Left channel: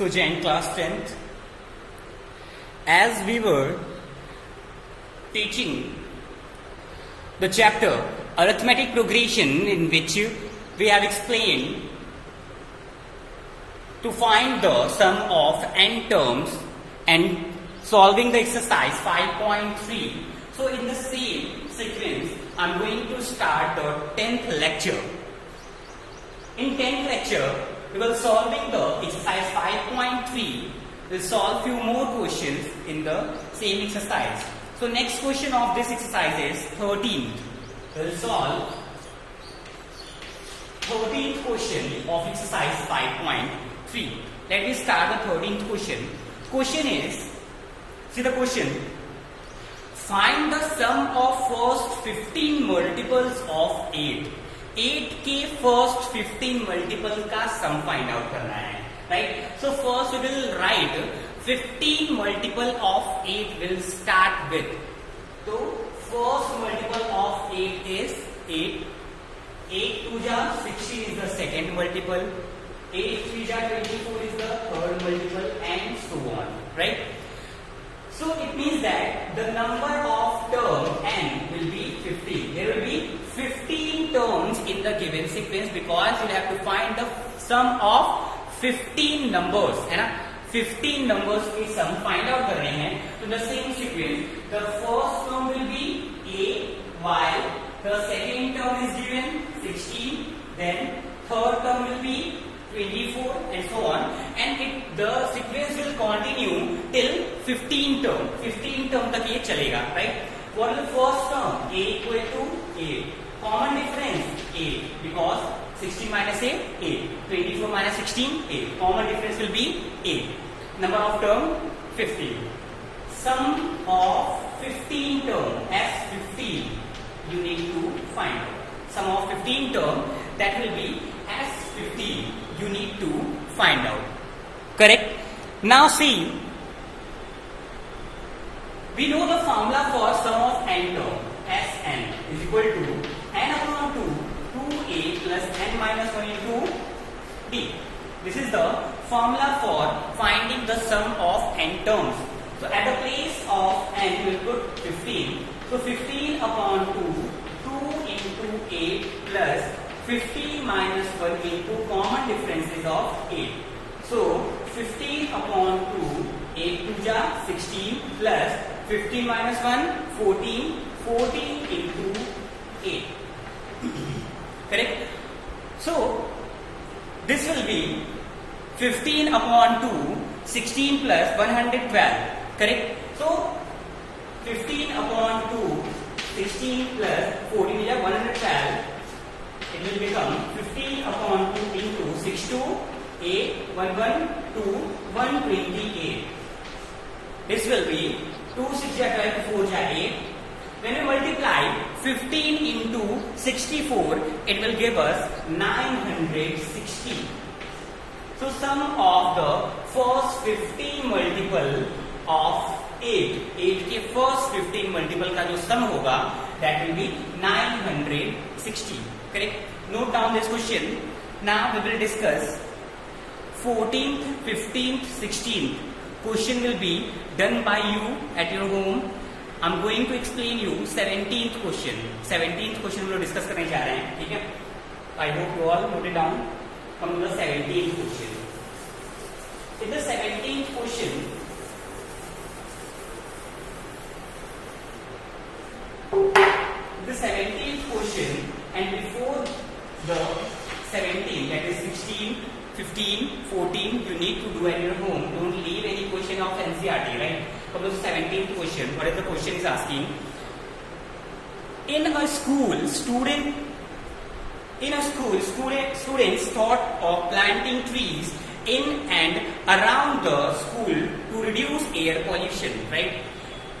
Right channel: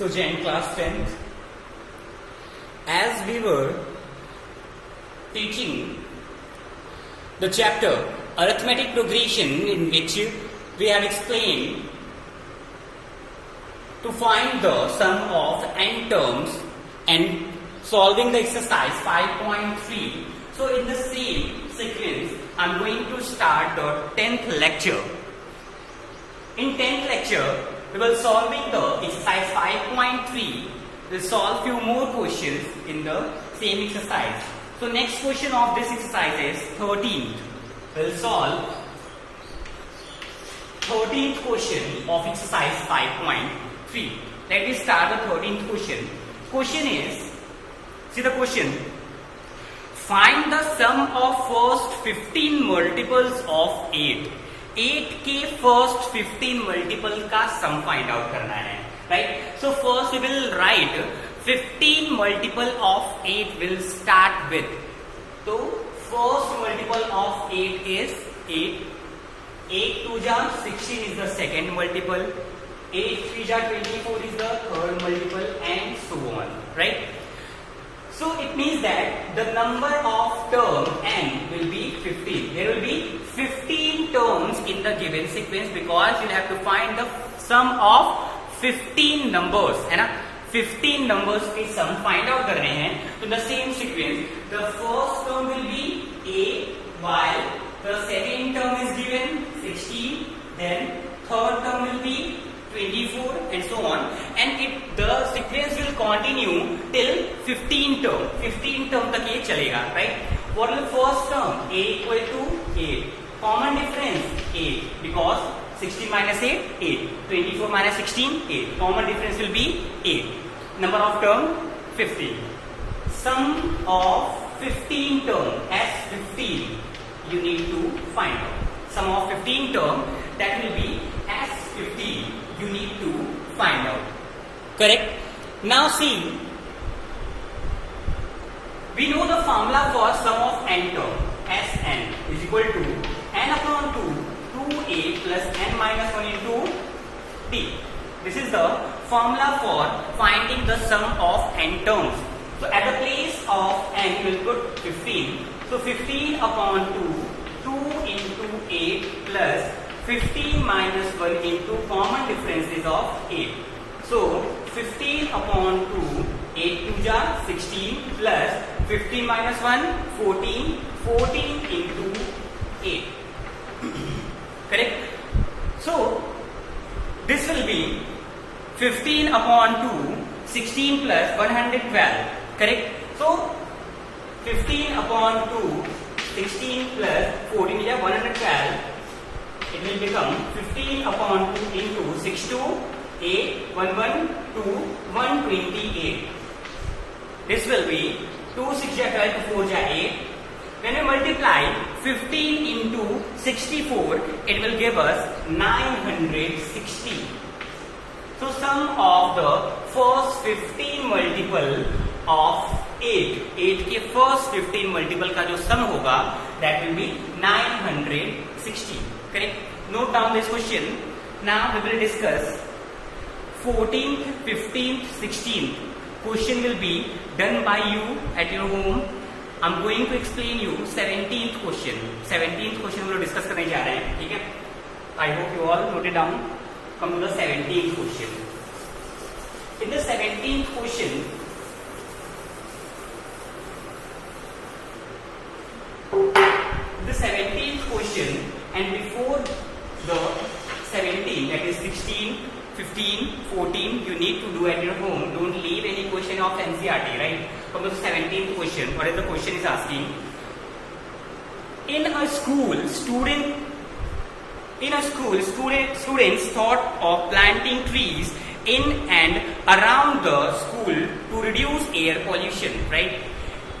So Jain class 10th, as we were teaching the chapter arithmetic progression, in which we have explained to find the sum of n terms and solving the exercise 5.3. So in the same sequence, I'm going to start the 10th lecture. In 10th lecture, we will solving the exercise 5.3. We'll solve few more questions in the same exercise. So next question of this exercise is 13th. We'll solve 13th question of exercise 5.3. Let me start the 13th question. Question is, see the question. Find the sum of first 15 multiples of 8. 8 के first 15 multiple का sum find out करना है, right? So first we will write 15 multiple of 8 will start with. So first multiple of 8 is 8. 8 2 जा 16 is the second multiple. 8 3 जा 24 is the third multiple, and so on, right? So it means that the number of term n will be 15. There will be 15 terms in the given sequence because we have to find the sum of 15 numbers, है ना? 15 numbers के sum find out कर रहे हैं. So the same sequence, the first term will be a, y, the second term is given 16, then third term will be 24 and so on, and the sequence will continue till 15 term. 15 term तक ये चलेगा, right? What is the first term? A equal to 8. Common difference 8 because 16 minus 8, 8. 24 minus 16, 8. Common difference will be 8. Number of term 15. Sum of 15 term as 15 you need to find out. Sum of 15 term that will be as 15 you need to find out. Correct? Now see, we know the formula for sum of n term. Sn is equal to n upon 2, 2a plus n minus 1 into d. This is the formula for finding the sum of n terms. So at the place of n you will put 15. So 15 upon 2, 2 into 8 plus 15 minus 1 into common differences of 8. So 15 upon 2, 8 2 ja 16 plus 15 minus 1, 14, 14 into 8. Correct? So this will be 15 upon 2, 16 plus 112. Correct? So 15 upon 2, 16 plus 14 is 112. It will become 15 upon 2 into 6 to 8, 1 1 2, 128. This will be 2 6 ja 12, 4 ja 8. When we multiply 15 into 64, it will give us 960. So sum of the first 15 multiple of 8. 8 के first 15 multiple का जो sum होगा, that will be 960. Correct? Note down this question. Now we will discuss 14th, 15th, 16th. Question will be done by you at your home. I'm going to explain you 17th question. 17th question we will discuss करने जा रहे हैं, ठीक है? I hope you all note it down. Come to the 17th question. In the 17th question, and before the 17, that is 16, 15, 14, you need to do at your home. Don't leave any question of NCERT, right? Come to the 17th question. What is the question is asking? In a school, students thought of planting trees in and around the school to reduce air pollution, right?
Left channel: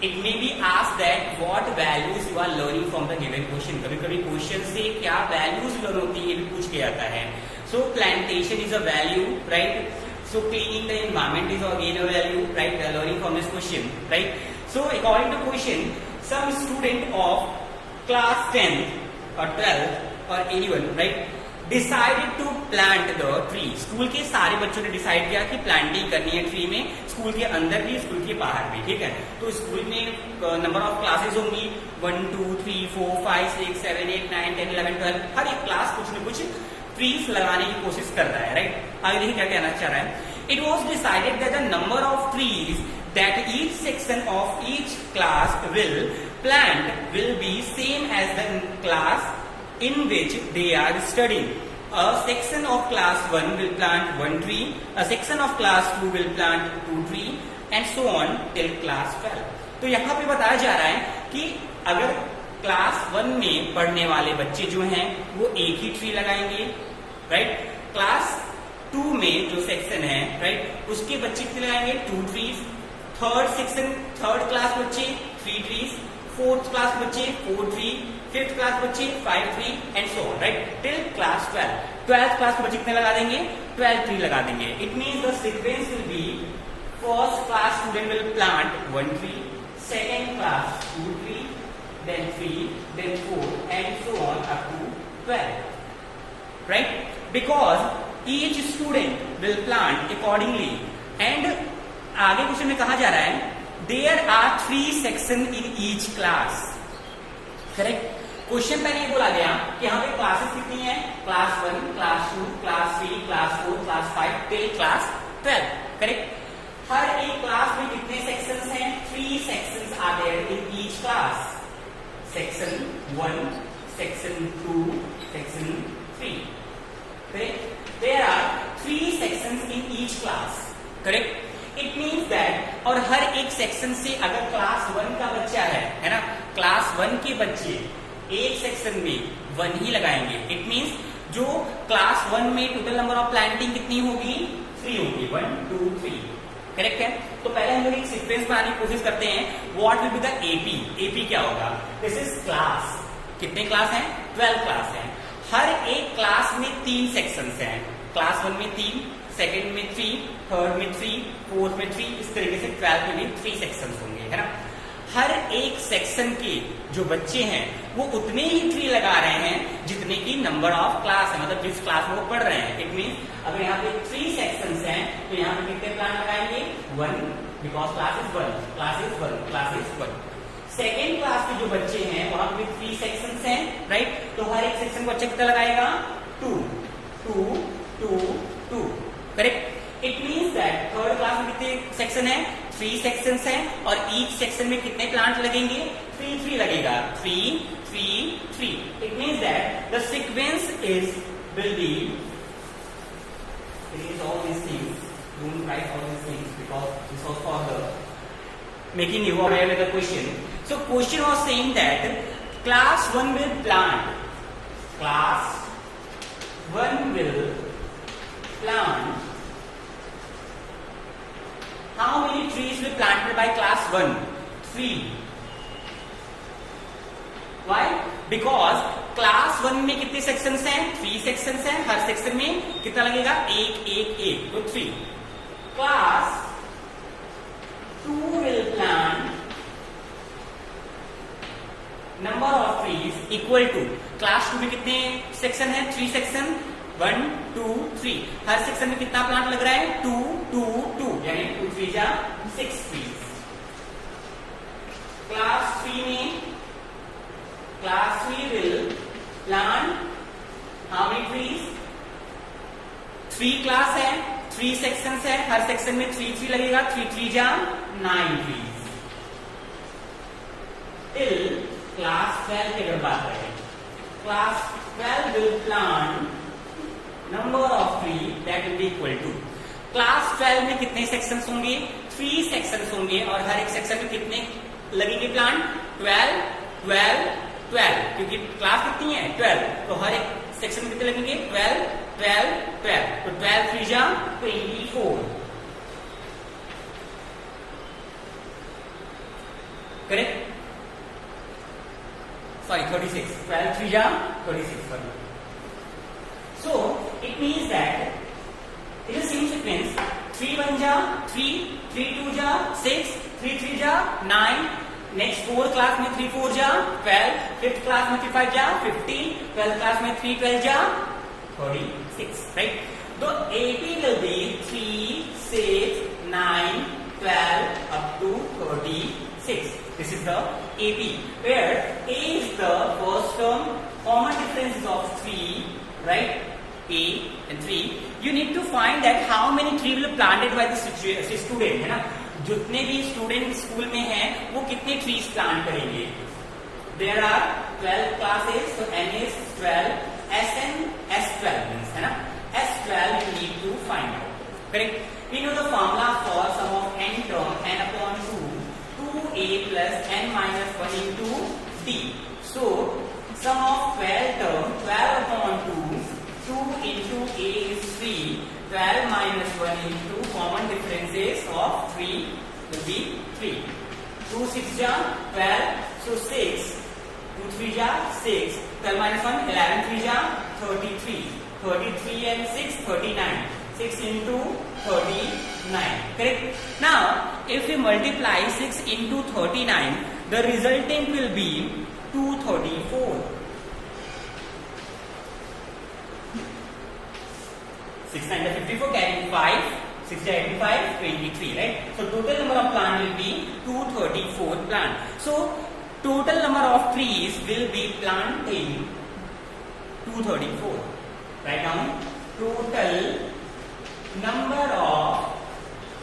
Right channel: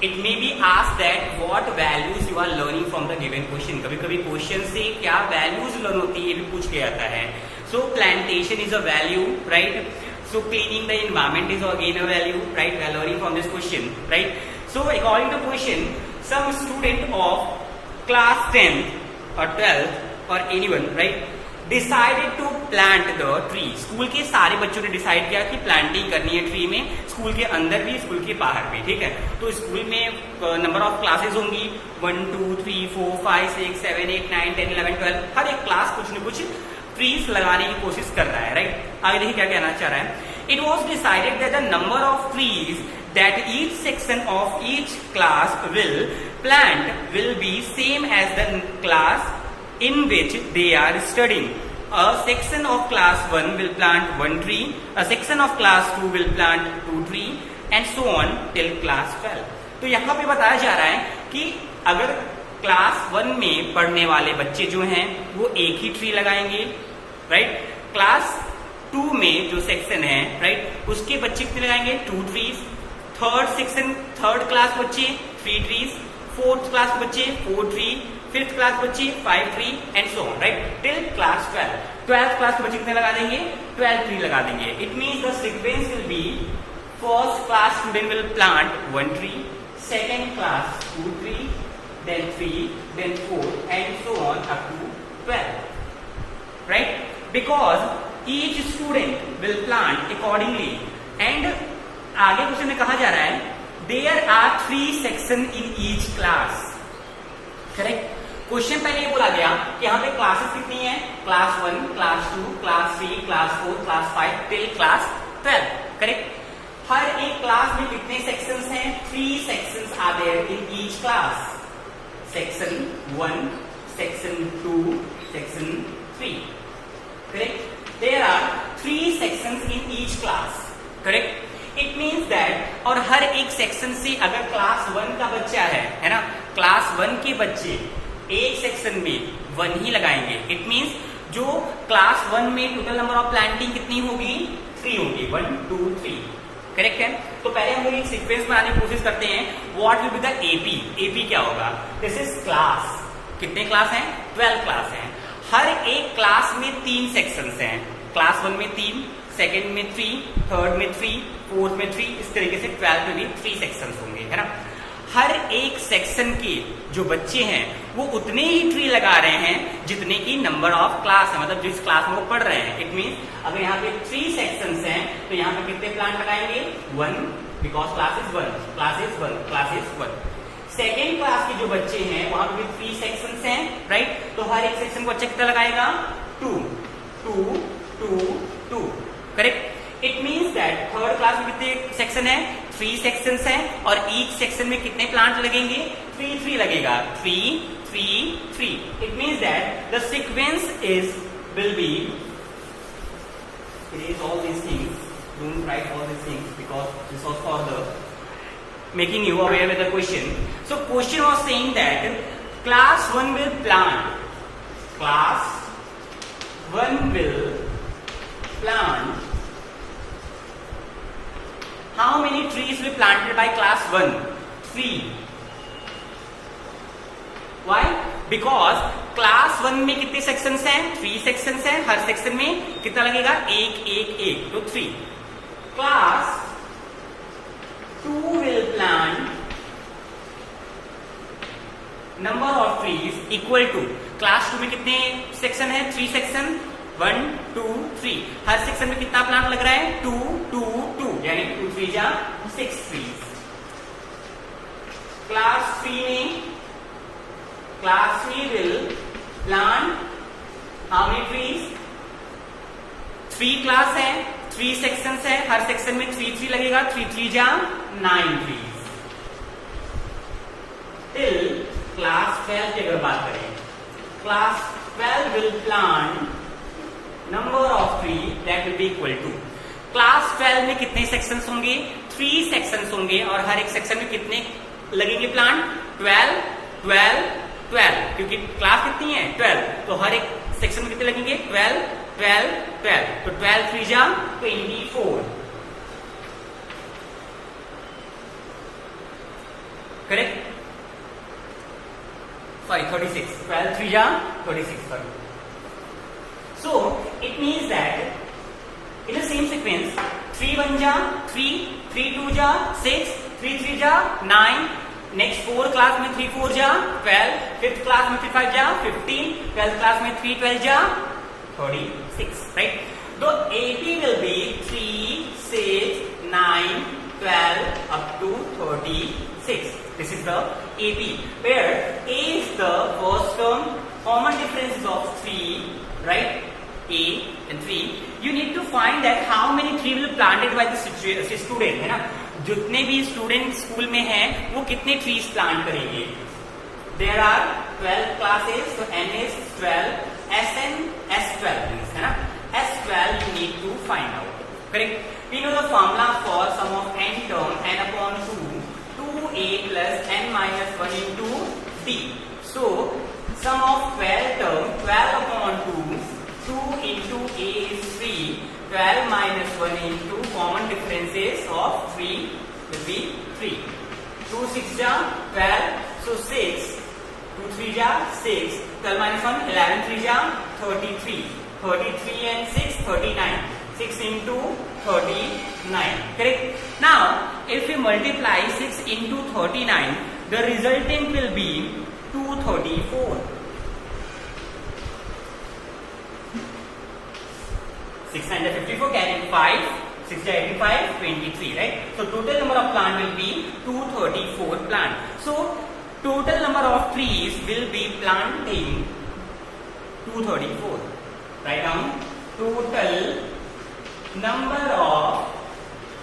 It may be asked that what values you are learning from the given question. कभी-कभी question से क्या values learn होती है ये भी पूछ के आता है. So plantation is a value, right? So cleaning the environment is again a value, right? We are learning from this question, right? So according to question, some student of class 10 or 12 or anyone, right? Decided to plant the tree. School के सारे बच्चों ने decide किया कि planting करनी है tree में, school के अंदर भी स्कूल के बाहर भी, ठीक है। तो स्कूल में नंबर ऑफ क्लासेस होंगी 1 2 3 4 5 6 7 8 9 10 11 12, हर एक क्लास कुछ न कुछ ट्रीज लगाने की कोशिश कर रहा है, राइट। आगे देखिए क्या कहना चाह रहा है। It was decided that the number of trees that each section of each class will plant will be same as the class in which they are studying. A section of class 1 will plant 1 tree, a section of class 2 will plant 2 tree and so on till class 12. तो यहाँ पे बताया जा रहा है कि अगर class 1 में पढ़ने वाले बच्चे जो हैं वो एक ही ट्री लगाएंगे, राइट। क्लास 2 में जो सेक्शन है, राइट, उसके बच्चे कितने लगाएंगे 2 ट्रीज। थर्ड क्लास बच्चे 3 ट्रीज, फोर्थ क्लास बच्चे 4 ट्री, फिफ्थ क्लास बच्चे 5 tree and so on, right, till class 12। 12th class के बच्चे कितने लगा देंगे 12 ट्री लगा देंगे। It means the sequence will be first class student will plant 1 tree, second class 2 tree, then 3, then 4 and so on up to 12, right? Because each student will plant accordingly and आगे question में कहा जा रहा है there are 3 section in each class, correct. Question पहले बोला गया कि यहाँ पे क्लासेस कितनी है, class 1, class 2, class 3, class 4, class 5 till class 12, correct. हर एक क्लास में कितने सेक्शंस हैं, 3 sections are there in each class, section 1, section 2, section 3, correct. There are 3 sections in each class, correct. It means that, और हर एक section से अगर class 1 का बच्चा है ना, क्लास 1 के बच्चे एक सेक्शन में 1 ही लगाएंगे। इट मीन्स जो क्लास 1 में टोटल नंबर ऑफ प्लांटिंग कितनी होगी 3 होगी, 1 2 3, करेक्ट है। तो पहले हम लोग एक सीक्वेंस बनाने की कोशिश करते हैं। What will be the AP, AP क्या होगा, दिस इज क्लास, कितने क्लास हैं 12 क्लास हैं। हर एक क्लास में 3 सेक्शंस हैं, क्लास 1 में 3, सेकेंड में 3, थर्ड में 3, फोर्थ में 3, इस तरीके से 12 में भी 3 सेक्शंस होंगे, है ना। हर एक सेक्शन के जो बच्चे हैं वो उतने ही ट्री लगा रहे हैं जितने की नंबर ऑफ क्लास है, मतलब जिस क्लास में वो पढ़ रहे हैं। इट मीन्स अगर यहाँ पे 3 सेक्शंस हैं तो यहाँ पे कितने प्लांट लगाएंगे 1, because class is 1, class is 1, class is 1। Second class के जो बच्चे हैं वहां पे 3 सेक्शंस हैं, राइट। तो हर एक सेक्शन को बच्चा कितना लगाएगा 2 2 2 2, correct. It means that third class में कितने सेक्शन है 3 सेक्शंस हैं और ईच सेक्शन में कितने प्लांट लगेंगे 3 लगेगा, 3 3 3। It means that the sequence is will be, it is all these things, don't write all these things because this was for the making you aware with the question. So question was saying that class 1 will plant, class 1 will plant, how many trees will planted by class 1? 3. Why? Because class 1 में कितने sections हैं 3 sections हैं, हर section में कितना लगेगा 1 1 1, तो 3। Class 2 will plant number of trees equal to, class 2 में कितने सेक्शन है 3 सेक्शन, 1 2 3, हर सेक्शन में कितना प्लांट लग रहा है 2 2 2, यानी 2 3 जा 6 ट्रीज। क्लास 3 में class 3 will plant how many trees, 3 class है 3 सेक्शंस है, हर सेक्शन में 3 3 लगेगा, 3 3 जा 9 ट्रीज। टिल क्लास 12 की अगर बात करें, class 12 will plant number of tree that will be equal to, class 12 में कितने सेक्शंस होंगे 3 सेक्शंस होंगे और हर एक सेक्शन में कितने लगेंगे प्लांट 12 12 12, क्योंकि क्लास कितनी है 12, तो हर एक सेक्शन में कितने लगेंगे 12 12 12, तो 12 3 जा 24, करेक्ट, सॉरी 36, 12 3 जा 36, sorry. So it means that in the same sequence 3 1 ja 3, 3 2 ja 6, 3 3 ja 9, next 4 class में 3 4 जा 12, 5th क्लास में 5 जा 15, 12th क्लास में 3 12 जा 36, right? The AP will be 3, 6, 9, 12 up to 36. This is the AP, where A is the first term, common difference is of 3, right? A and 3. You need to find that how many trees will planted by the student, है ना? जितने भी student school में हैं वो कितने trees plant करेंगे. There are 12 classes, so N is 12, SN S12 means, है ना? S12 you need to find out. Correct? We know the formula for sum of n term n upon 2, 2a plus n minus 1 into b. So sum of 12 term 12 upon 2, 2 into a is 3, 12 minus 1 into common differences of 3 will be 3. 2 6 ja 12, so 6, 2 3 ja 6, 12 minus 1 11 3 ja 33, 33 and 6 39, 6 into 39, correct? Now if we multiply 6 into 39, the resultant will be 234. 6 9 54, carrying 5, 6 85, 23, right? So total number of plant will be 234 plant. So total number of trees will be planting 234. Write down total number of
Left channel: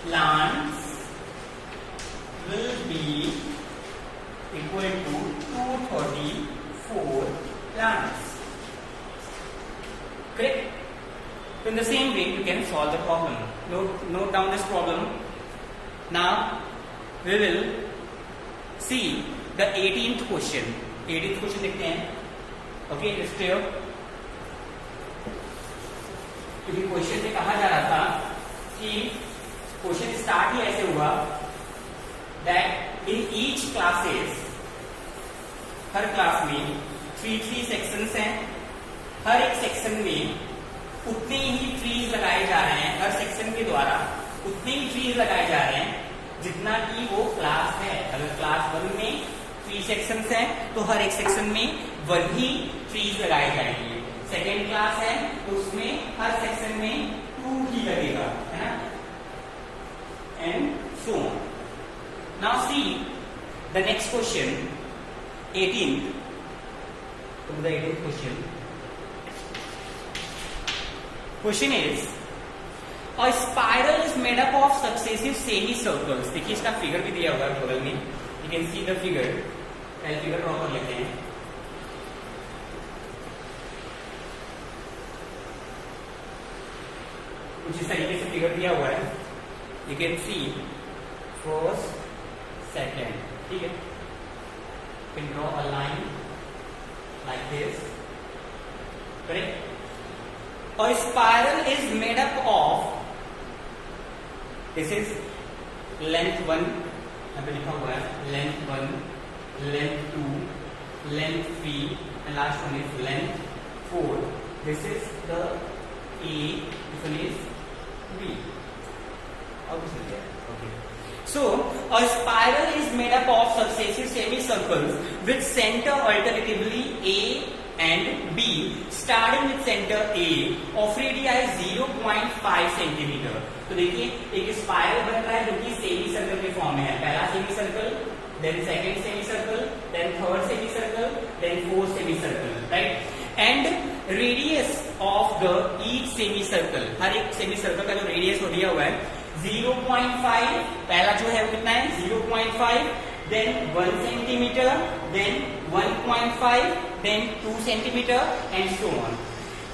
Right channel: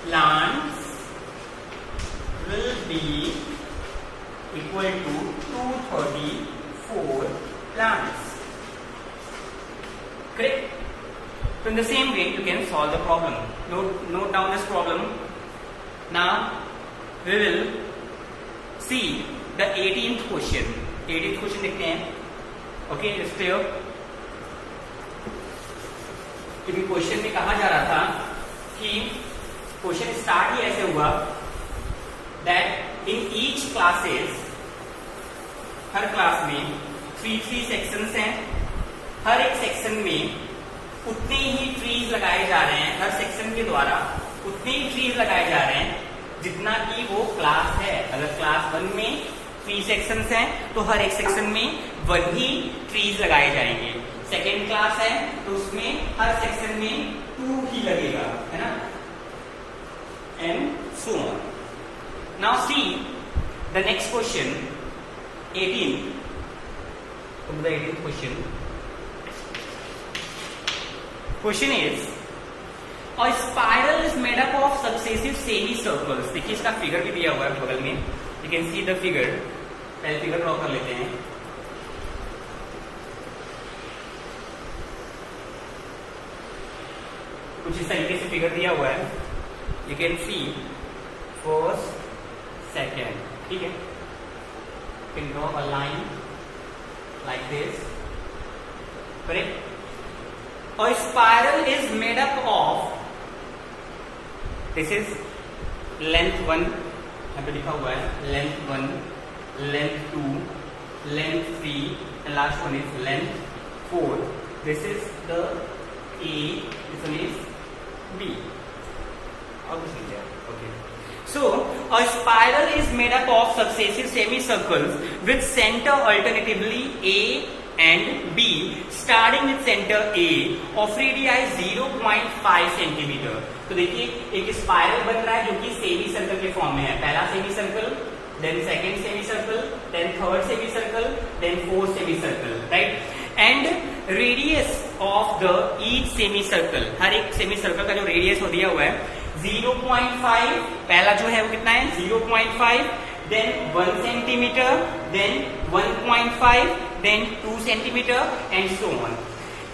plants will be equal to 234 plants. Correct? So in the same way you can solve the problem. Note down this problem. Now we will see the 18th question. 18th question देखते हैं. Okay, let's clear. क्योंकि question में कहा जा रहा था कि question start ही ऐसे हुआ that in each classes, her class में 3 सेक्शंस हैं. हर एक सेक्शन में उतने ही ट्रीज लगाए जा रहे हैं. हर सेक्शन के द्वारा उतने ही ट्रीज लगाए जा रहे हैं जितना कि वो क्लास है. अगर क्लास 1 में 3 सेक्शंस हैं तो हर एक सेक्शन में वही ट्रीज लगाए जाएंगे. सेकेंड क्लास है तो उसमें हर सेक्शन में 2 ही लगेगा, है ना, and so on. Now see the next question 18th question. Question is, a spiral is made up of successive semicircles. देखिए इसका फिगर भी दिया हुआ है बगल में. You can see the figure. पहले फिगर ड्रॉ कर लेते हैं. कुछ इस तरीके से फिगर दिया हुआ है. You can see first, second. ठीक है. You can draw a line like this. Correct? A spiral is made up of, this is length 1, यहाँ पे लिखा हुआ है length 1, length 2, length 3 and last one is length 4. This is the A, this one is B. How to see that? Okay. So a spiral is made up of successive semicircles with center alternatively A and B, starting with center A of radii 0.5 centimetre. तो देखिए एक spiral बन रहा है जो कि semi circle के form में है. पहला semi circle, then second semi circle, then third semi circle, then fourth semi circle, right? And radius of the each semi circle, हर एक सेमी सर्कल का जो रेडियस हो दिया हुआ है 0.5. पहला जो है वो कितना है 0.5, then 1 centimeter, then 1.5, then 2 centimeter and so on,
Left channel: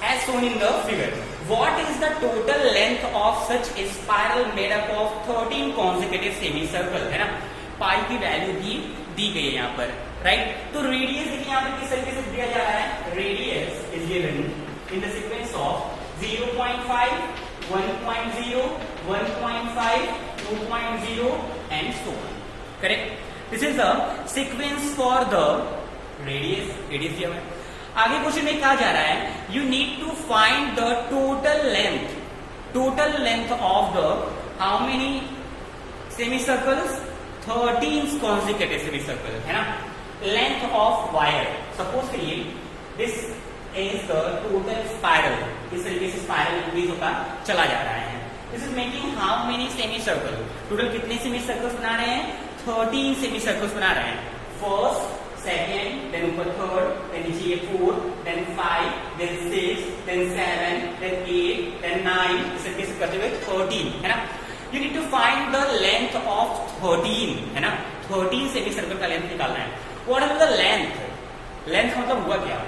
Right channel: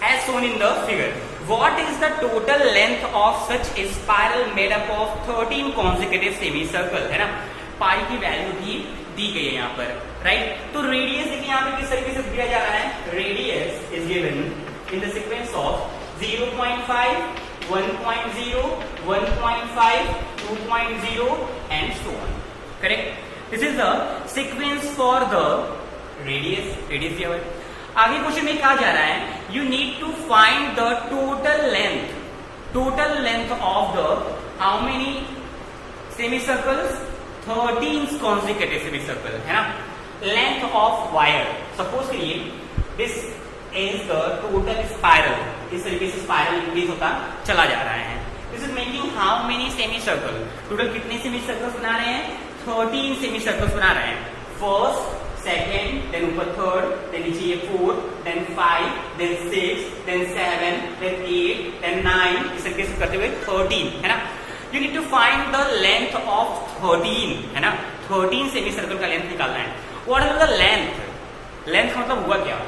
as shown in the figure. What is the total length of such a spiral made up of 13 consecutive semicircle? है ना, पाई की वैल्यू भी दी गई है यहाँ पर, राइट? तो रेडियस देखिए यहाँ पे किस तरीके से दिया जा रहा है. Radius is given in the sequence of 0.5, 1.0, 1.5, 2.0 and so on. Correct? This is the sequence for the radius level. आगे क्वेश्चन में कहा जा रहा है you need to find the total length of the how many semicircles? 13 consecutive semicircles, है ना. Length of wire. Suppose करिए this is the total spiral. इस तरीके से स्पाइरल इंक्रीज होता चला जा रहा है। This is making how many semi circle, total कितने सेमी सर्कल्स बना रहे हैं? 13 सेमी सर्कल्स बना रहे हैं। फर्स्ट, सेकेंड, देन ऊपर थर्ड, देन नीचे ये 4, then 5, then 6, then 7, then 8, then 9, इस तरीके से करते हुए 13, है ना। You need to find the length of 13, है ना। 13 सेमी सर्कल का लेंथ निकालना है। What is the length? Length का मतलब हुआ क्या?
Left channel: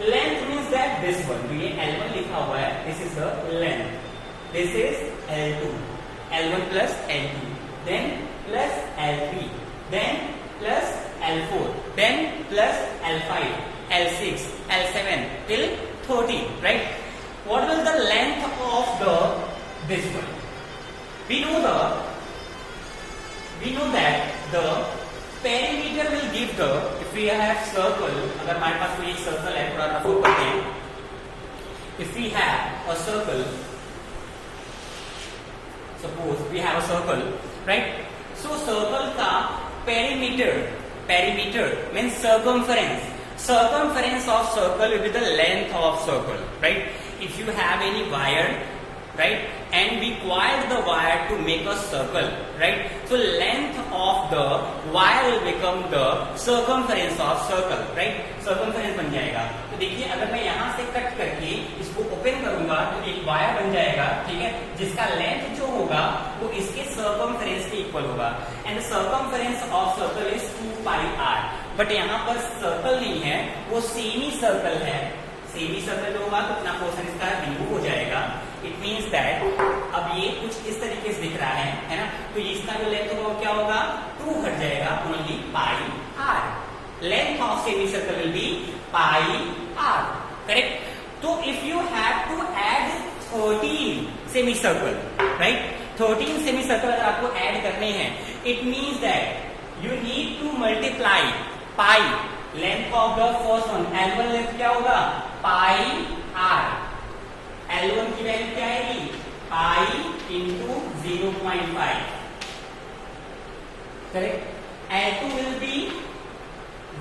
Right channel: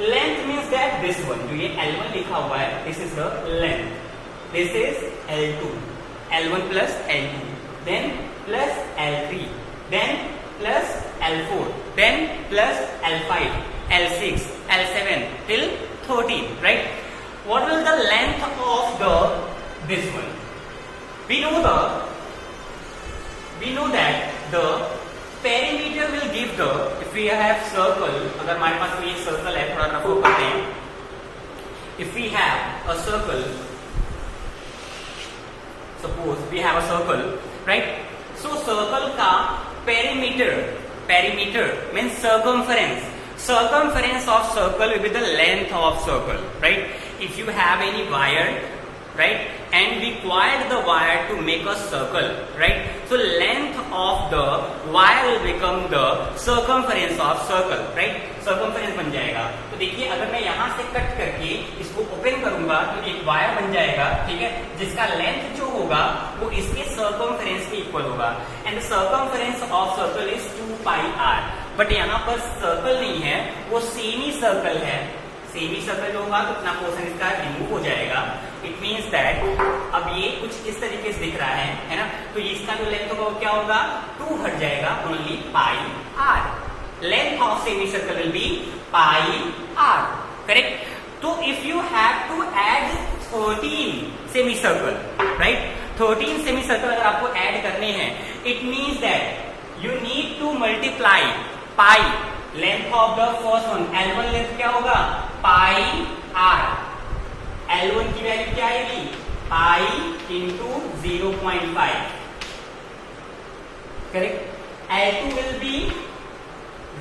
Length means that this one, जो ये L1 लिखा हुआ है, this is the length, this is L2, L1 plus L2, then plus L3, then plus L4, then plus L5, L6, L7 till 13, right? What is the length of this one? We know that the perimeter will give the, if we have circle, अगर हमारे पास कोई एक circle है, थोड़ा रफो करते हैं, if we have a circle, suppose we have a circle, right? So circle का perimeter means circumference. Circumference of circle will be the length of circle, right? If you have any wire, right, and required the wire to make a circle, right? So length of the wire will become the circumference of circle, right? Circumference बन जाएगा। तो देखिए अगर मैं यहाँ से cut करके इसको ओपन करूंगा तो एक वायर बन जाएगा, ठीक है, जिसका लेंथ जो होगा वो इसके सर्कमफरेंस के इक्वल होगा। And circumference of circle is 2πr। But यहाँ पर सर्कल नहीं है, वो सेमी सर्कल है। सेमी सर्कल होगा तो अपना पोर्शन इसका रिमूव हो जाएगा। इट मीन्स दैट अब ये कुछ इस तरीके से दिख रहा है ना, तो इसका जो लेंथ होगा वो क्या होगा? 2 हट जाएगा, only πr। Length of semi circle will be πr, correct. तो if you have to add 13 semi circle, right, 13 semi circle अगर आपको ऐड करने हैं, it means that you need to multiply pi length of the first one. L1 length क्या होगा? πr। L1 की value क्या आएगी? Pi into 0.5, correct. L2 will be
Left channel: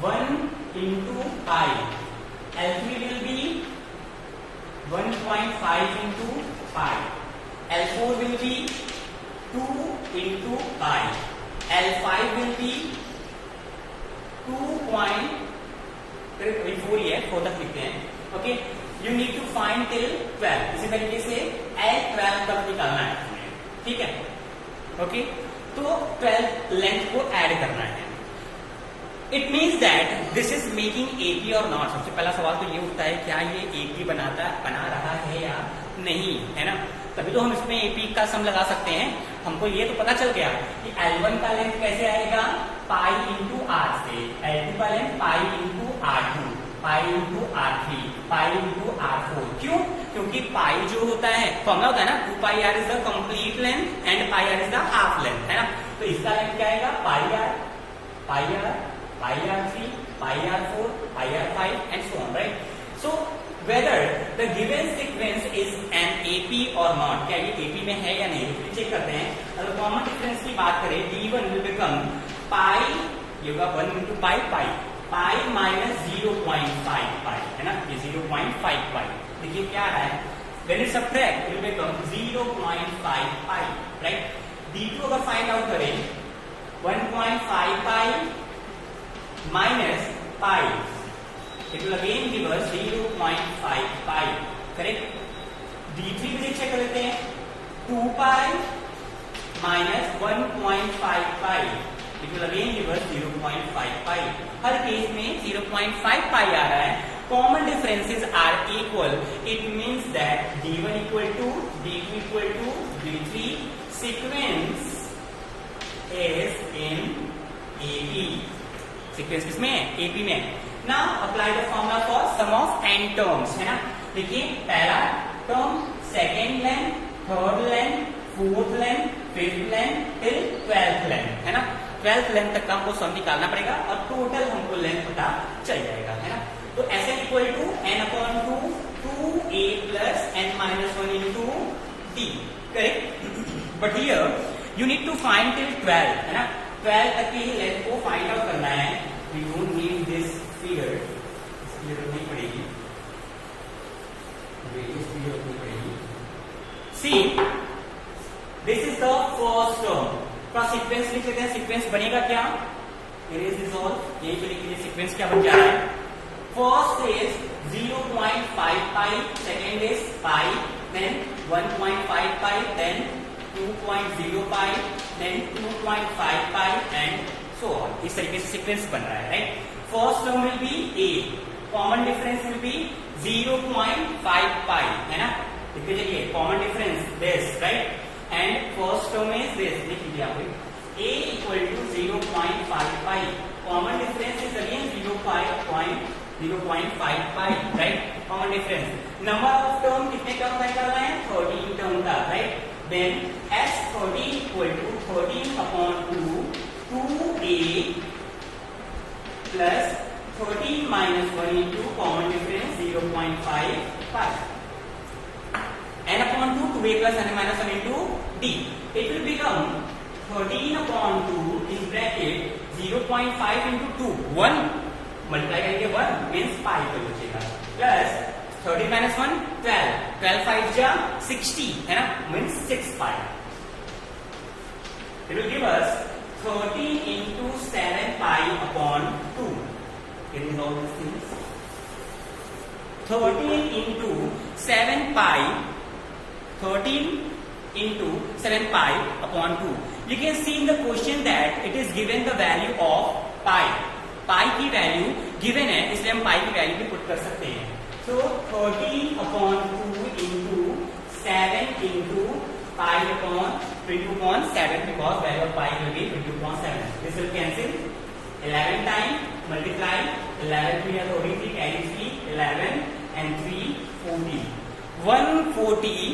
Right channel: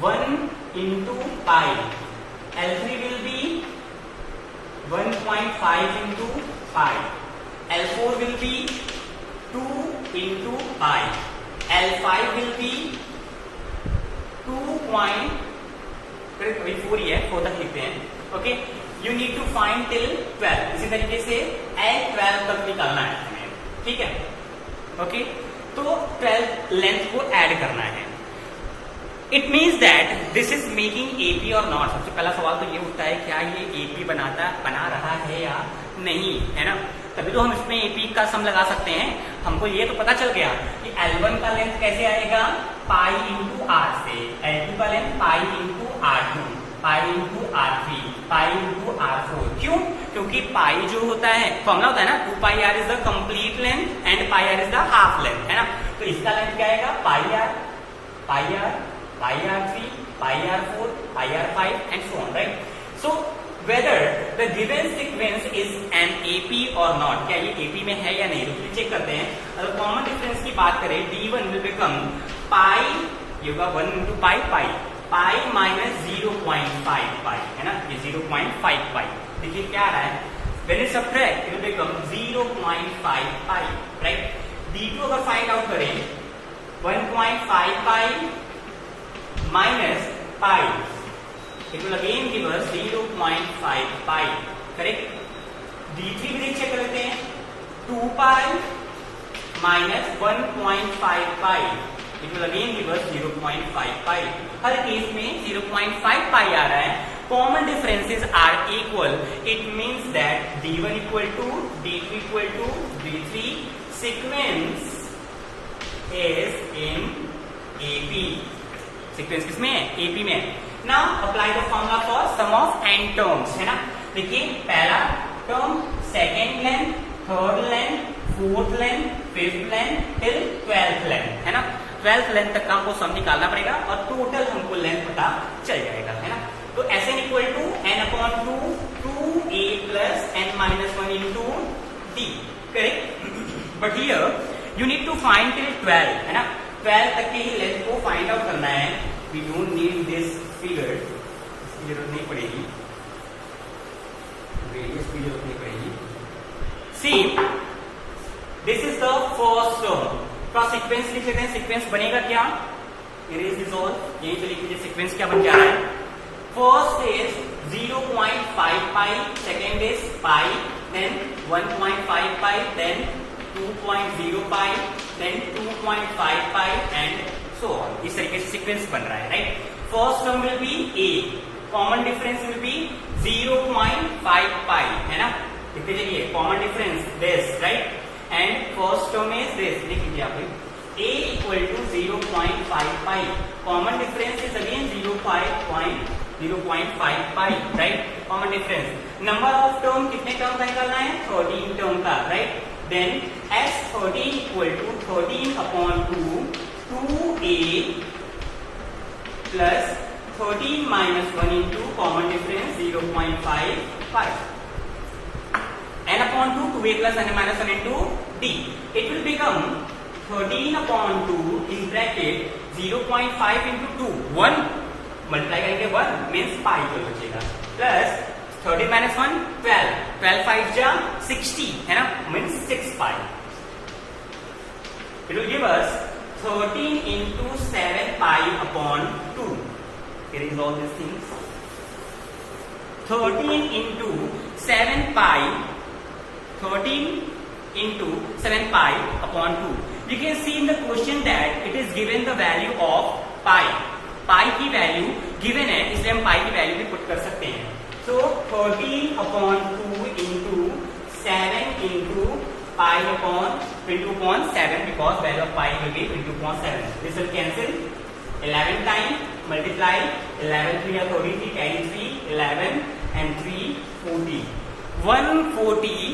1 into pi, L3 will be 1.5 into pi, L4 will be 2 into pi, L5 will be 2.4 ही है, 4 तक लिखते हैं, okay. You need to find till 12। इसी तरीके से L12 तक निकालना है, ठीक है, ओके। तो 12 लेंथ को ऐड करना है। It means that this is making AP और नॉट। सबसे पहला सवाल तो ये उठता है, क्या ये एपी बना रहा है या नहीं, है ना। तभी तो हम इसमें एपी का सम लगा सकते हैं। हमको ये तो पता चल गया कि L1 का लेंथ कैसे आएगा? पाई इंटू आर से। L2 का length pi into R2, pi into R3, pi into R4। क्यों? क्योंकि पाई जो होता है, फॉर्मूला होता है ना, 2πr is the complete length and πr is the half length, है ना। तो इसका लेंथ क्या आएगा? πr, πr3, πr4, πr5 and so on, right? So whether the given sequence is an AP or not, क्या ये AP में है या नहीं, तो चेक करते हैं। अगर कॉमन डिफरेंस की बात करें, D1 will become पाई, ये होगा 1 into पाई, पाई माइनस 0.5 पाई, है ना, ये 0.5 पाई। देखिए क्या आ रहा है, when it subtract it will become 0.5 pi, right? D2 अगर फाइंड आउट करें, 1.5 पाई minus pi, it will again give us 0.5 pi, correct? D3 भी चेक कर लेते हैं, 2 pi minus 1.5 pi, it will again give us 0.5 pi। Her case में 0.5 pi आ रहा है। Common differences are equal. It means that D1 equal to D2 equal to D3. Sequence is in AP. Sequence किसमें है? AP में। Now apply the formula for sum of n terms, है ना। देखिए पहला term, second length, third length, fourth length, fifth length till 12th length, है ना। 12th length तक का हमको सम निकालना पड़ेगा और टोटल हमको लेंथ पता चल जाएगा, है ना। तो Sn equal to n/2 2a plus n-1 into d, correct. But here you need to find till 12, है ना। 12 तक की लेंथ को फाइंड आउट करना है। We don't need this figure, इसकी जरूरत नहीं पड़ेगी। रेडियस की जरूरत नहीं पड़ेगी। See this is the first term का सीक्वेंस लिख लेते हैं। सीक्वेंस बनेगा क्या, इरेज दिस ऑल, यहीं पे लिख लीजिए सीक्वेंस क्या बन जा रहा है। First is 0.5 pi, second is pi, then 1.5 pi, then 2.0 pi, then 2.5 pi and so on. इस तरीके से सीक्वेंस बन रहा है, right. First term will be a, common difference will be 0.5 pi, है ना, लिख लीजिए common difference this, right, and first term is this, लिख लीजिए आप a equal to 0.5 pi, common difference is again 0.5 pi, right, common difference। number of term कितने term का निकालना है, 13 term का, right, then s13 equal to 13 upon 2, 2a plus 13 minus 1 into common difference 0.5 pi, n upon 2, 2a plus n minus 1 into d, it will become 13 upon 2 in bracket 0.5 into 2, 1 multiply करेंगे 1 means पाई तो बचेगा, plus 13 minus 1 12, 12 5 जा 60, है ना, means 6 pi. It will give us 13 into 7 pi upon 2, getting all these things, 13 into 7 pi, 13 into 7 pi upon 2. You can see in the question that it is given the value of pi. pi की value given है, इसलिए हम pi की value भी put कर सकते हैं। So 13 upon 2 into 7 into pi upon 22 upon 7 because value of pi will be 22 upon 7. This will cancel. 11 time multiply 11 3 या 33 carry 3 11 and 3 40 143,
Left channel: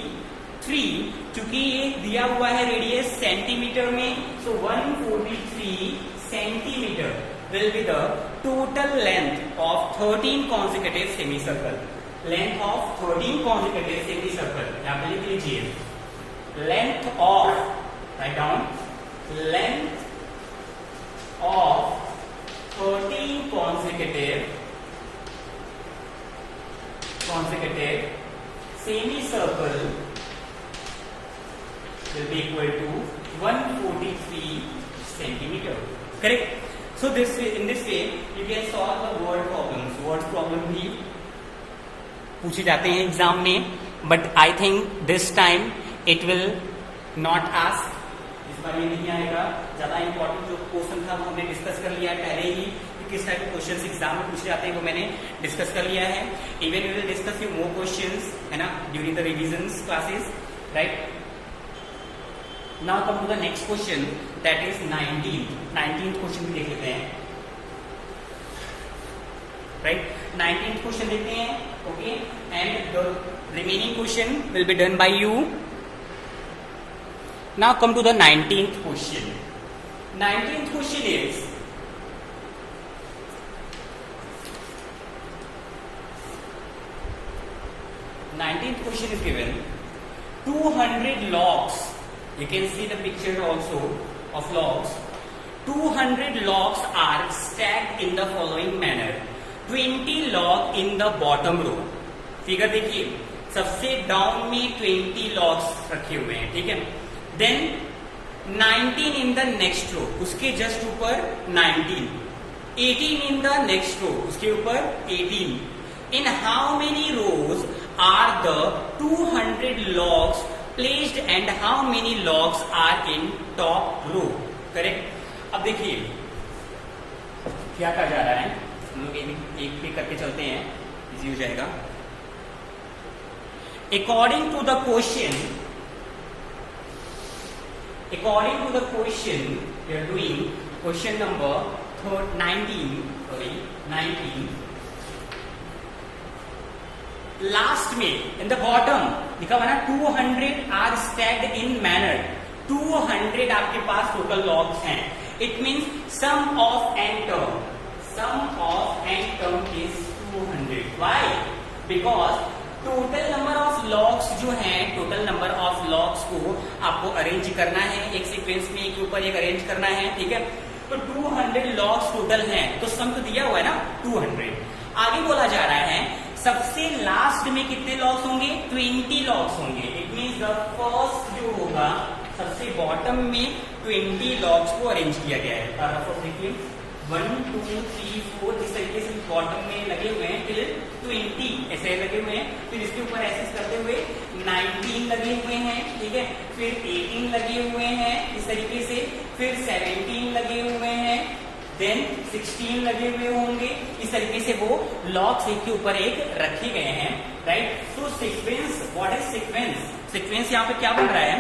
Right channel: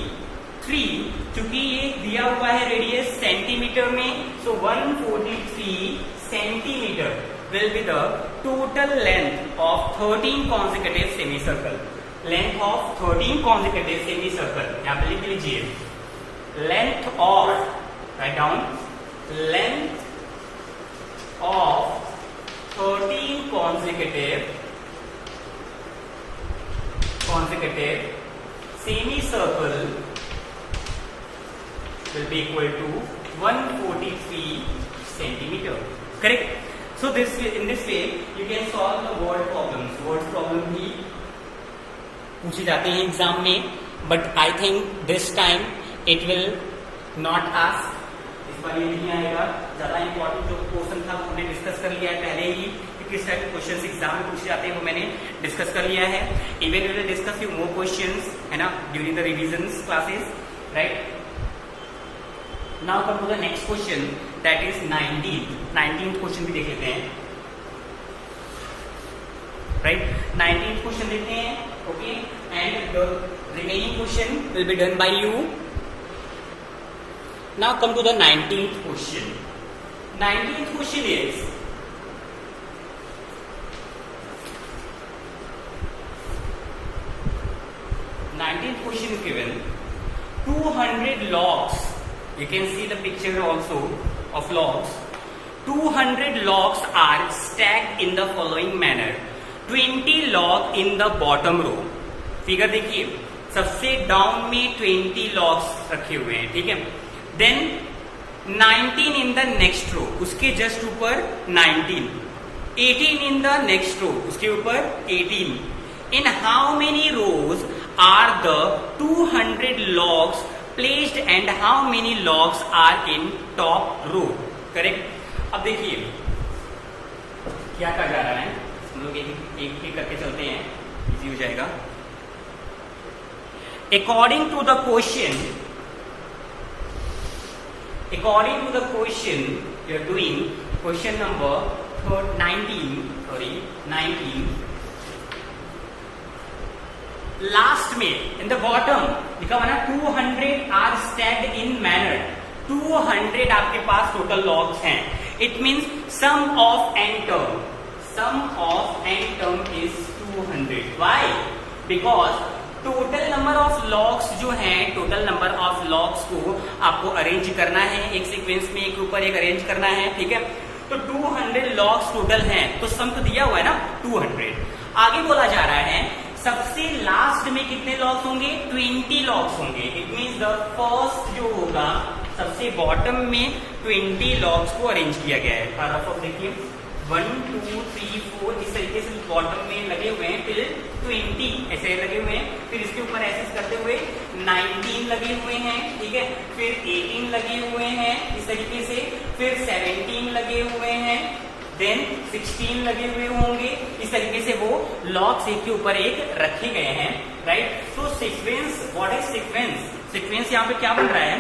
क्योंकि ये दिया हुआ है रेडियस सेंटीमीटर में, so 143 centimetre will be the total length of 13 consecutive semicircle. Length of 13 consecutive semicircle, यहाँ पे लिख लीजिए length of, write down, length of 13 consecutive semicircle will be equal to 143 centimeter. Correct? So this, in this way you can solve the word problems. Word problem भी पूछे जाते हैं exam में, but I think this time it will not ask. इस बार ये नहीं आएगा। ज्यादा इंपॉर्टेंट जो क्वेश्चन था हमने डिस्कस कर लिया है पहले ही, किस टाइप के क्वेश्चन एग्जाम में पूछे जाते हैं वो मैंने डिस्कस कर लिया है। Even we will discuss few more questions, है ना, during the revision classes, right. Now come to the next question, that is 19th question भी देख लेते हैं, राइट। 19th क्वेश्चन देखते हैं, okay, and the remaining question will be done by you. Now come to the 19th question. 19th question is, question is given 200 logs. You can see the picture also of logs. 200 logs are stacked in the following manner. 20 log in the bottom row. Figure देखिए, सबसे down में 20 logs रखे हुए हैं, ठीक है। Then 19 in the next row, उसके just ऊपर 19, 18 इन द नेक्स्ट रो, उसके ऊपर 18. In how many rows are the 200 logs placed and how many logs are in top row? Correct. अब देखिए क्या कहा जा रहा है, हम लोग एक करके चलते हैं, इजी हो जाएगा। According to the question, we are doing question number 19. Last में इन द बॉटम लिखा हुआ है 200 आर स्टैक्ड इन मैनर. 200 आपके पास टोटल लॉग्स हैं. It means sum of n term is 200. Why? Because total number of logs जो हैं, total number of logs को आपको अरेंज करना है एक सीक्वेंस में, एक ऊपर एक अरेंज करना है. ठीक है, तो 200 लॉग्स टोटल हैं, तो सम तो दिया हुआ है ना 200. आगे बोला जा रहा है सबसे लास्ट में कितने लॉग्स होंगे? 20 लॉग्स होंगे। इट मींस द फर्स्ट जो होगा सबसे बॉटम में 20 लॉग्स को अरेंज किया गया है। पैराग्राफ देखिए 1 2 3 4 इस तरीके से बॉटम में लगे हुए हैं, फिर 20 ऐसे लगे हुए हैं, फिर इसके ऊपर ऐसे करते हुए 19 लगे हुए हैं, ठीक है, फिर 18 लगे हुए हैं इस तरीके से, फिर 17 लगे हुए हैं, देन 16 लगे हुए होंगे। इस तरीके से वो लॉग्स एक के ऊपर एक रखे गए हैं, right. So sequence, what is sequence? Sequence यहाँ पे क्या बन रहा है?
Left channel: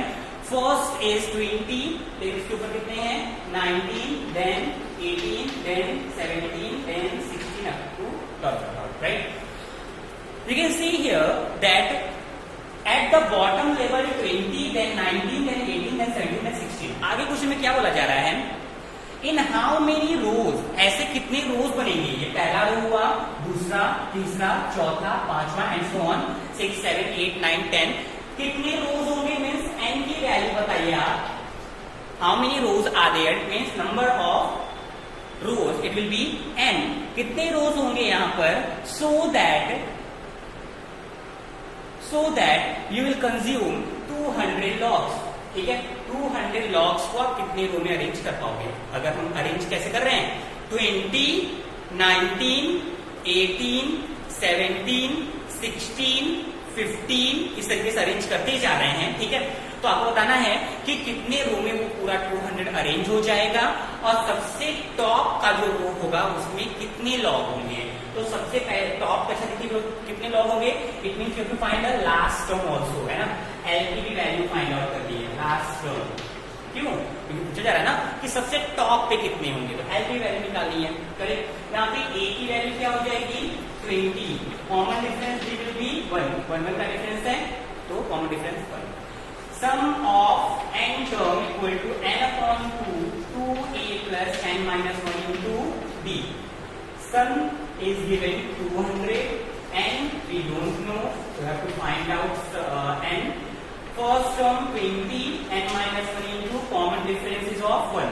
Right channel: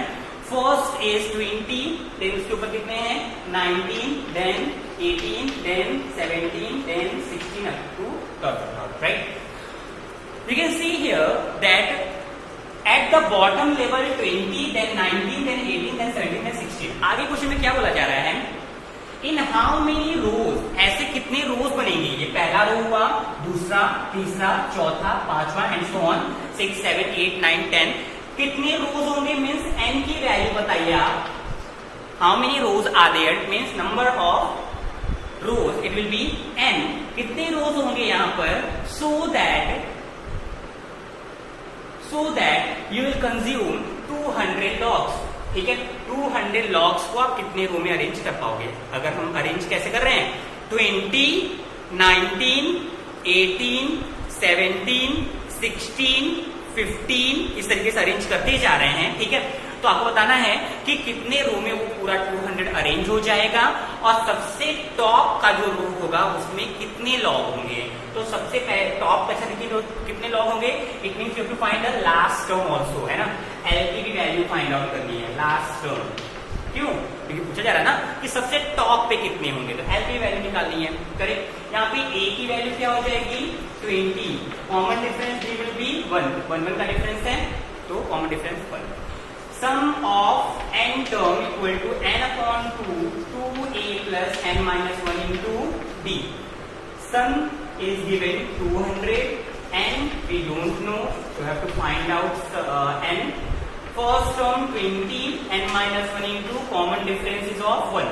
फर्स्ट इज 20, देन उसके ऊपर कितने हैं? 19, then 18, then 17, then 16 up to dot, right? You can see here that at the bottom level 20, then 19, then 18, then 17, then 16. आगे क्वेश्चन में क्या बोला जा रहा है? इन हाउ मेनी रोज, ऐसे कितने रोज बनेंगे? ये पहला रो हुआ, दूसरा, तीसरा, चौथा, पांचवा एंड सो ऑन, 6 7 8 9 10। कितने रोज होंगे मीन्स एन की वैल्यू बताइए आप। How many rows are there means number of rows, it will be n. कितने रोज होंगे यहां पर? So that you will consume 200 logs, ठीक है। 200 लॉग्स को आप कितने रो में अरेंज कर पाओगे? अगर हम अरेंज कैसे कर रहे हैं? 20, 19, 18, 17, 16, 15 इस तरीके से अरेंज करते ही जा रहे हैं, ठीक है। तो आपको बताना है कि कितने रो में वो पूरा 200 अरेंज हो जाएगा और सबसे टॉप का जो रो होगा उसमें कितने लॉग होंगे। तो सबसे पहले टॉप का कितने लॉग होंगे? It means you have to find the last term also, है ना। एल की भी वैल्यू फाइंड आउट करनी है, लास्ट टर्म। क्यों? क्योंकि पूछा जा रहा है ना कि सबसे टॉप पे कितने होंगे, तो एल की वैल्यू निकालनी है, करेक्ट। यहाँ पे ए की वैल्यू क्या हो जाएगी? 20। Common difference d will be 1 का डिफरेंस है, तो common difference 1। Sum of n term equal to n upon 2a plus n minus 1 into d. Sum is given 200 and we don't know, so we have to find out n. First term 20 n minus 1 into common difference is of 1,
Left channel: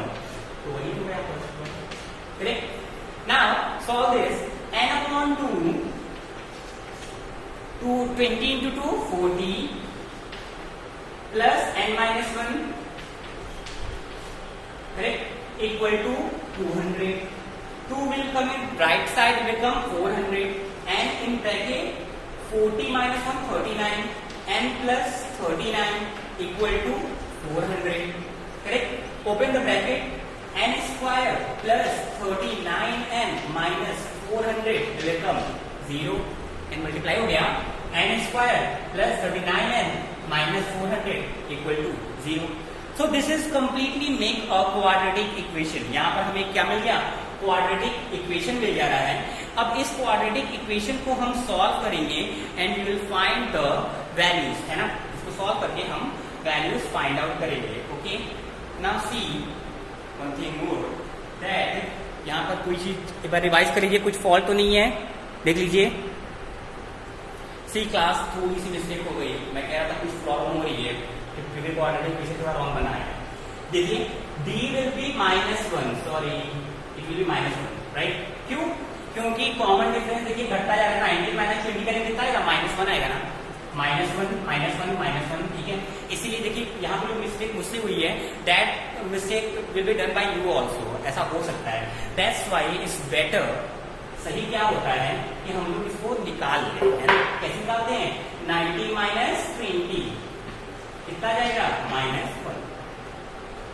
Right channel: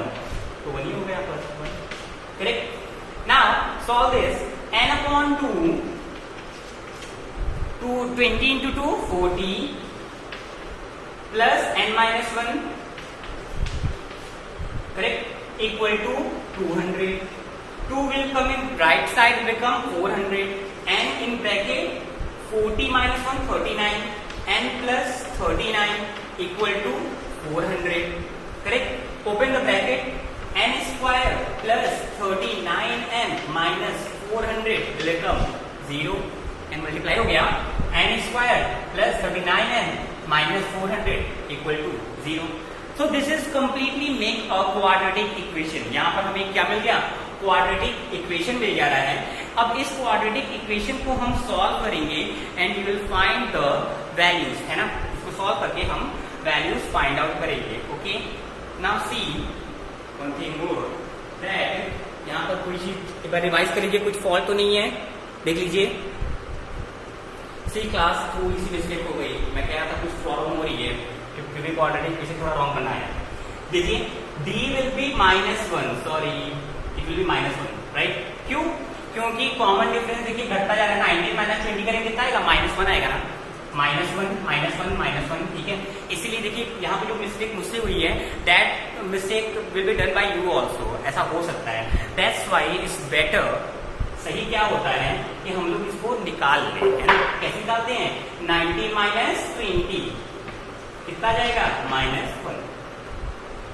तो 1 ही हो गया first one, correct. Now solve this. n upon 2 20 into 2 40 plus n minus 1, correct, equal to 200. 2 will come in right side, will become 400, and in bracket 40 minus 1 39, n plus 39 equal to 400, correct. Open the bracket. n square plus 39n minus 400 will become 0, and multiply हो गया। n square plus 39n minus 400 equal to 0. So this is completely make a quadratic equation. यहाँ पर हमें क्या मिल गया? Quadratic equation मिल जा रहा है। अब इस क्वाड्रेटिक इक्वेशन को हम सॉल्व करेंगे and we will find the values, है ना। इसको सॉल्व करके हम वैल्यूज फाइंड आउट करेंगे, ओके। Now see one thing more, that यहाँ पर कोई चीज एक बार रिवाइज कर लीजिए, कुछ फॉल्ट तो नहीं है, देख लीजिए। सी क्लास थोड़ी सी मिस्टेक हो गई, मैं कह रहा था कुछ प्रॉब्लम हो रही है क्योंकि क्वाड्रेटिक इक्वेशन थोड़ा रॉन्ग बना है। देखिए d will be -1, sorry it will be -1, right. क्यों? क्योंकि कॉमन डिफरेंस देखिए घटता जा रहा है। 19 माइनस 20 करेंगे कितना आएगा? -1 आएगा ना। -1, ठीक है। इसीलिए देखिए यहाँ पे जो मिस्टेक मुझसे हुई है, that mistake will be done by you also, ऐसा हो सकता है। दैट्स वाई इट्स बेटर, सही क्या होता है कि हम लोग इसको निकाल लें, है ना। कैसे निकालते हैं? 19 माइनस 20 कितना जाएगा? -1।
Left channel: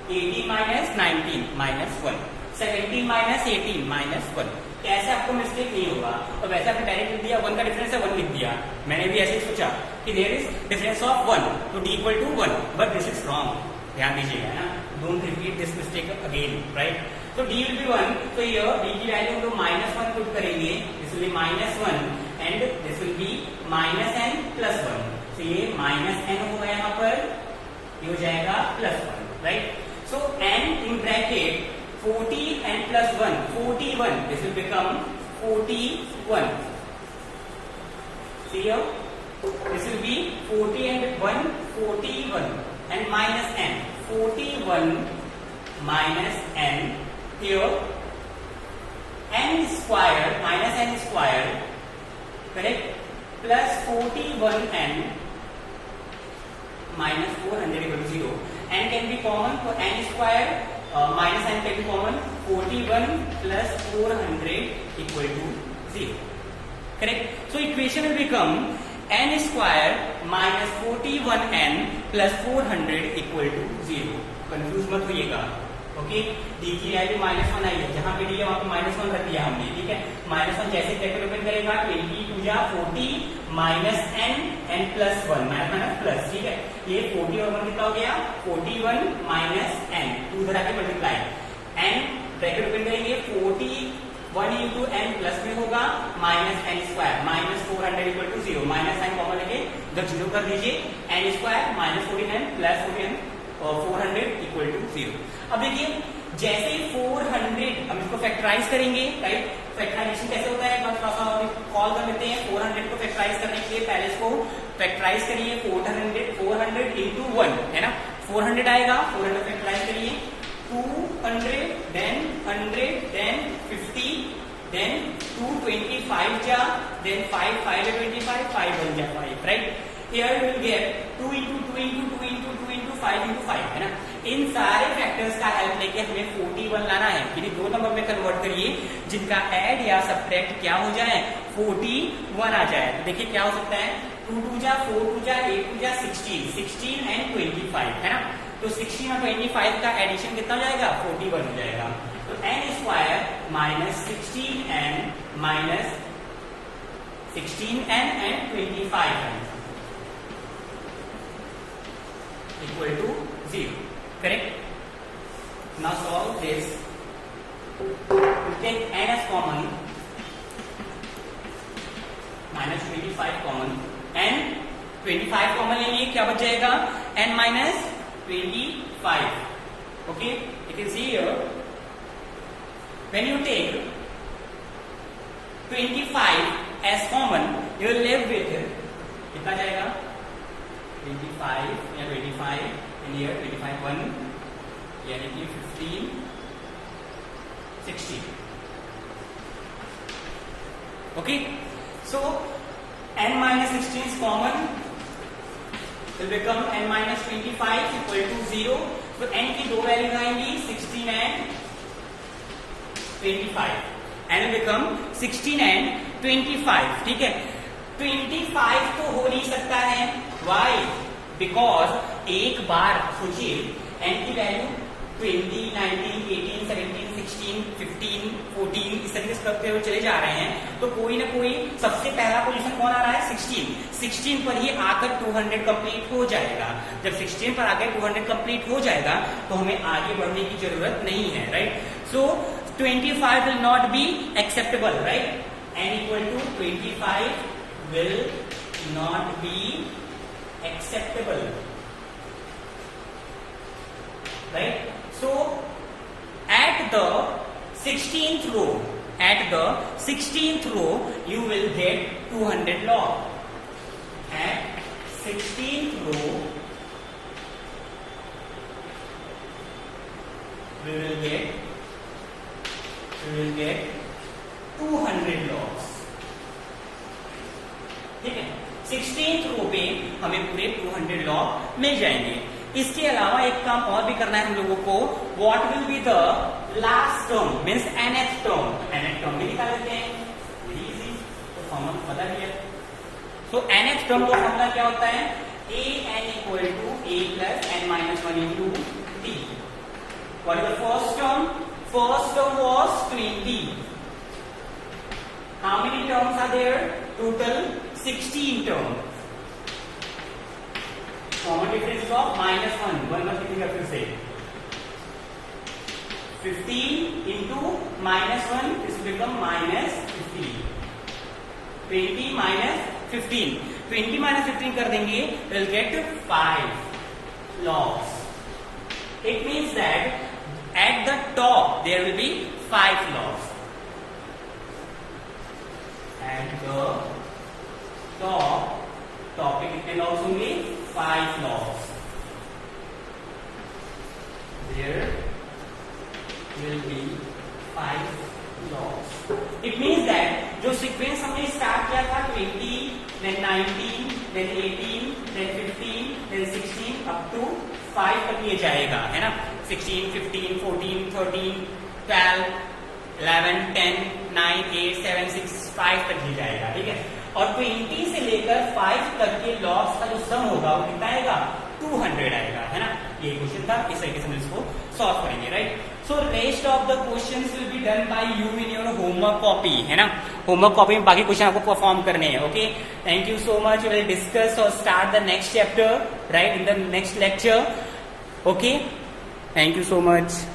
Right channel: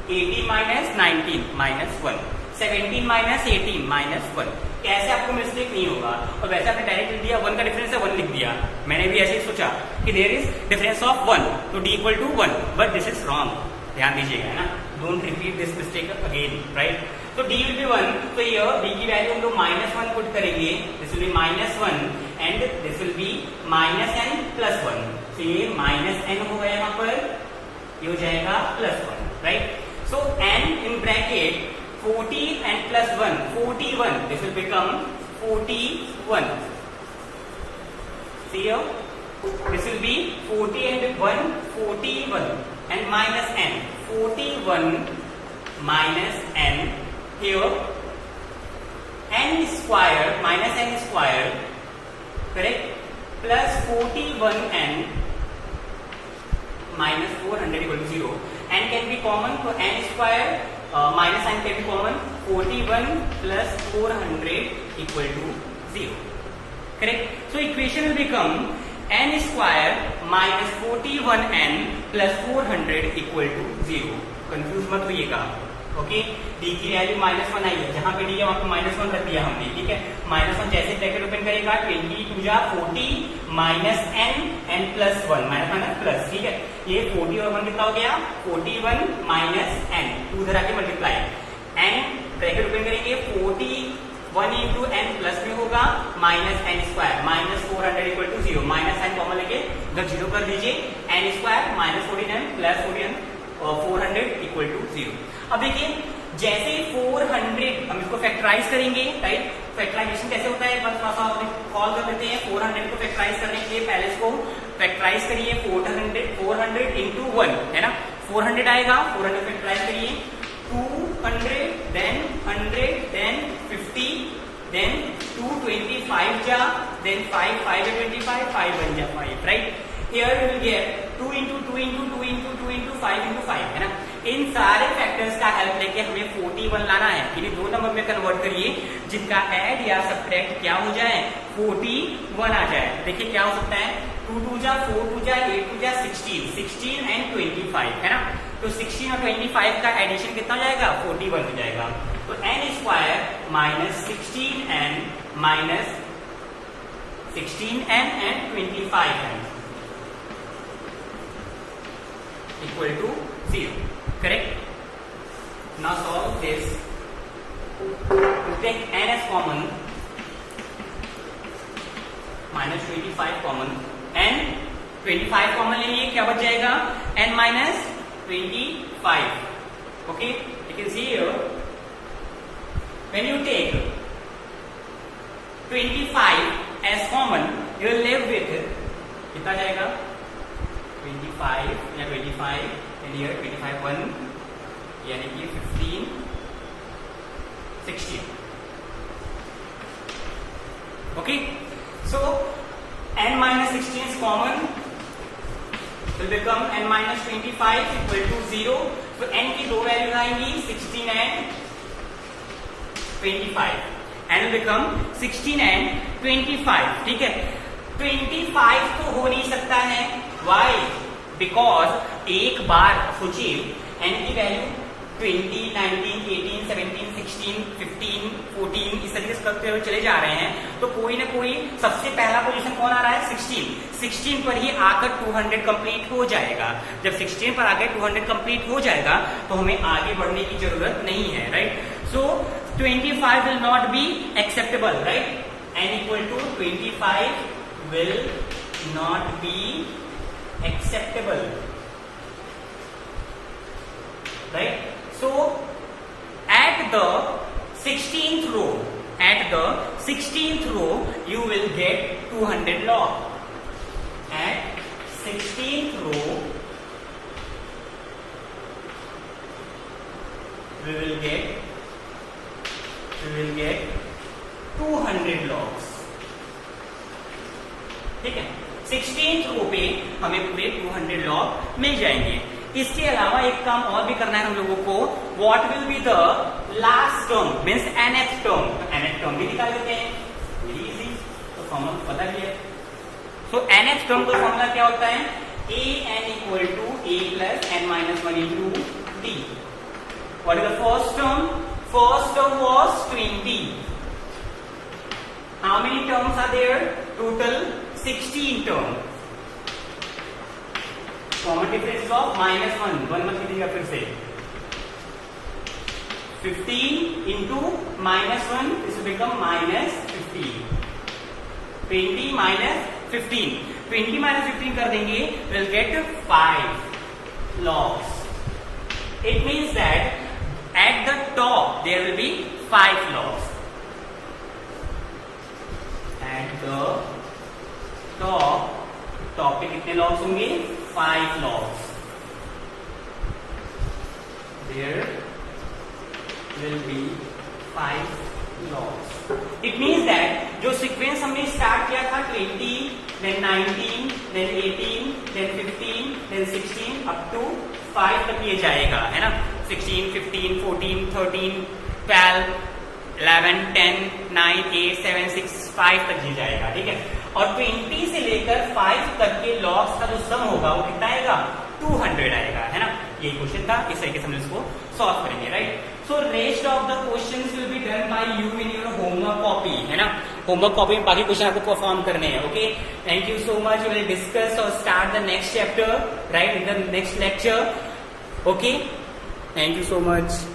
18 माइनस 19 -1, 17 माइनस 18 -1। कैसे आपको मिस्टेक नहीं होगा। और वैसे आपने डायरेक्ट लिख दिया 1 का डिफरेंस है 1 लिख दिया। मैंने भी ऐसे ही सोचा कि देयर इज डिफरेंस ऑफ 1, तो d equal to 1, but this is wrong, ध्यान दीजिएगा, है ना। Don't repeat this mistake again, right. तो d विल बी 1, तो ये d की वैल्यू हम लोग -1 पुट करेंगे, this will be -1 and this will be -n + 1, तो ये -n होगा यहाँ पर, ये हो जाएगा +1, right. So n in bracket 40 and plus 1, 41, this will become 41. See here, this will be 40 and 1, 41 and minus n, 41 minus n, here n square minus n square, correct, plus 41n minus 400 equal to 0. n can be common, so n square minus n can be common. 41 plus 400 equal to 0. Correct? So equation will become n square minus 41n plus 400 equal to 0. Confuse मत होइएगा. Okay, D की value -1 आई है, जहां पे D है वहां पे -1 रख दिया हमने. ठीक है, -1 जैसे ब्रैकेट ओपन करेगा 22 जा 40 minus n plus 1 minus plus. ठीक है, ये 40 और 1 कितना हो गया 41 माइनस n, 2 उधर आके मल्टीप्लाई. n ब्रैकेट ओपन करेंगे 41 इंटू n प्लस में होगा minus n square minus 400 equal to 0. Minus n common लेके अगर 0 कर दीजिए, n square minus 49 plus 49 400 equal to 0. अब देखिए जैसे ही 400 हम इसको फैक्टराइज करेंगे, राइट. फैक्टराइजेशन कैसे होता है, बस कॉल कर लेते हैं. 400 को फैक्टराइज करने के लिए पहले इसको फैक्टराइज करिए. 400 इंटू 1 है ना, 400 आएगा. 400 फैक्टराइज करिए 200 देन 100 देन 50 देन 225 जा देन 5 5 25 5 बन जा 5, right. Here you will get 2 into 2 into 2 into 2 into 5 into 5 है ना. इन सारे फैक्टर्स का हेल्प लेके हमें 41 लाना है. इन्हीं दो नंबर में कन्वर्ट करिए जिनका ऐड या सब्ट्रैक्ट क्या हो जाए 41 आ जाए. देखिए क्या हो सकता है 2 2 जा 4 2 जा 8 2 जा 16 एंड 25 है ना. तो 16 और 25 का एडिशन कितना हो जाएगा 41 हो जाएगा. तो n square minus 16n minus 16n and 25n equal to 0. Correct? Now solve this. We take n as common, minus 25 common, and 25 common लेंगे क्या बच जाएगा n minus 25. Okay? You can see here when you take 25 as common, you will live with कितना जाएगा 25 या 25 and here 25 1 यानी कि 15 16. Okay, so n minus 16 is common, will become n minus 25 equal to 0. तो n की दो value आएंगी 16 and 25. n will become 16 and 25. ठीक है, 25 तो हो नहीं सकता है. Why? Because एक बार सोचिए n की वैल्यू 20, 19, 18, 17, 16, 15, 14 इस तरीके से करते हुए चले जा रहे हैं. तो कोई ना कोई सबसे पहला पोजीशन कौन आ रहा है 16 पर ही आकर 200 कंप्लीट हो जाएगा. जब 16 पर आकर 200 कंप्लीट हो जाएगा तो हमें आगे बढ़ने की जरूरत नहीं है, right. So 25 will not be acceptable, right. n equal to 25 will not be acceptable, right. So at the 16th row you will get 200 log. At 16th row we will get 200 logs. ठीक है, 16th रो पे हमें पूरे 200 log मिल जाएंगे. इसके अलावा एक काम और भी करना है हम लोगों को. What will be the last term means nth term. तो nth टर्म भी निकाल लेते हैं, वेरी इजी. तो फॉर्मूला पता भी है. तो nth टर्म का फॉर्मूला क्या होता है a n equal to a plus n minus 1 into t. What is the first term? First term was 20. How many terms are there? Total 16 term. Common difference of -1 मत लीजिएगा फिर से. 15 into -1 this will become -15. 20 minus 15. 20 minus 15 कर देंगे, we'll get 5 logs. It means that at the top there will be 5 logs. At the top पे कितने logs होंगे 5 logs. There will be 5 logs. It means that जो sequence हमने start किया था 20, then 19, then 18, then 15, then 16 up to 5 तक ये जाएगा, है ना। 16, 15, 14, 13, 12, 11, 10, 9, 8, 7, 6, 5 तक ये जाएगा, ठीक है। और 20 से लेकर 5 तक के लॉग्स का जो सम होगा वो कितना आएगा, 200 आएगा, है ना। ये क्वेश्चन था, इस तरीके से हम इसको सॉल्व करेंगे, right. So rest of the questions will be done by you in your homework copy, है ना। होमवर्क कॉपी में बाकी क्वेश्चन आपको परफॉर्म करने हैं, okay. Thank you so much. We will discuss और start the next chapter, right, in the next lecture, okay. Thank you so much.